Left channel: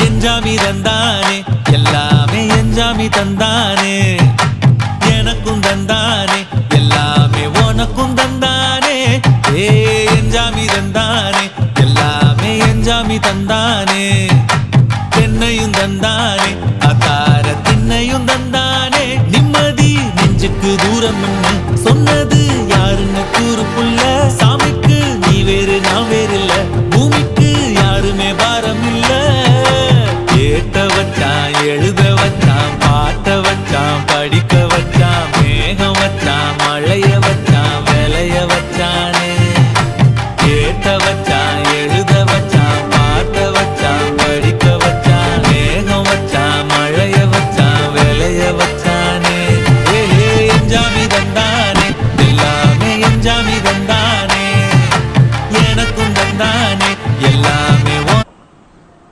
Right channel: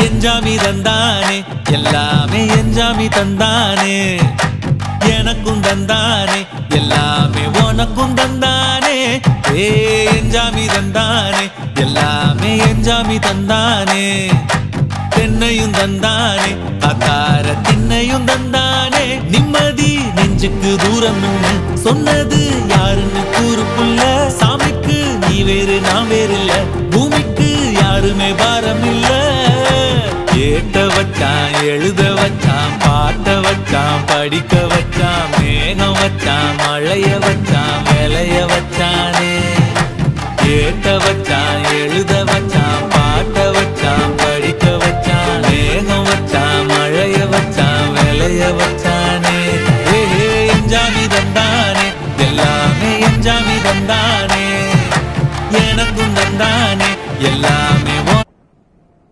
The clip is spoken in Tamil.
எஞ்சாமி தந்தானே எல்லாமே எஞ்சாமி தந்தானே எனக்கும் தந்தானே எல்லாமே உனக்கும் தந்தானே ஏ எஞ்சாமி தந்தானே எல்லாமே எஞ்சாமி தந்தானே தென்னையும் தந்தானே அத்தார திண்ணையும் தந்தானே நிம்மதி நெஞ்சுக்கு தூரம் சொன்னது யாருன்னு கூறு புள்ள சாமிக்கு நீ வேறு நான் வேறு இல்ல பூமிக்கு யாருமே பாரம் இல்ல ஏத்த வச்சான் எழுத வச்சான் பாட்ட வச்சான் படிக்க வச்சான் மேகம் வச்சான் மழைய வச்சான் விளைய வச்சானே ஏத்த வச்சான் எழுத வச்சான் பாட்ட வச்சான் படிக்க வச்சான் மேகம் வச்சான் மழைய வச்சான் விளைய வச்சானே ஏ எஞ்சாமி தந்தானே எல்லாமே எஞ்சாமி தந்தானே எனக்கும் தந்தானே எல்லாமே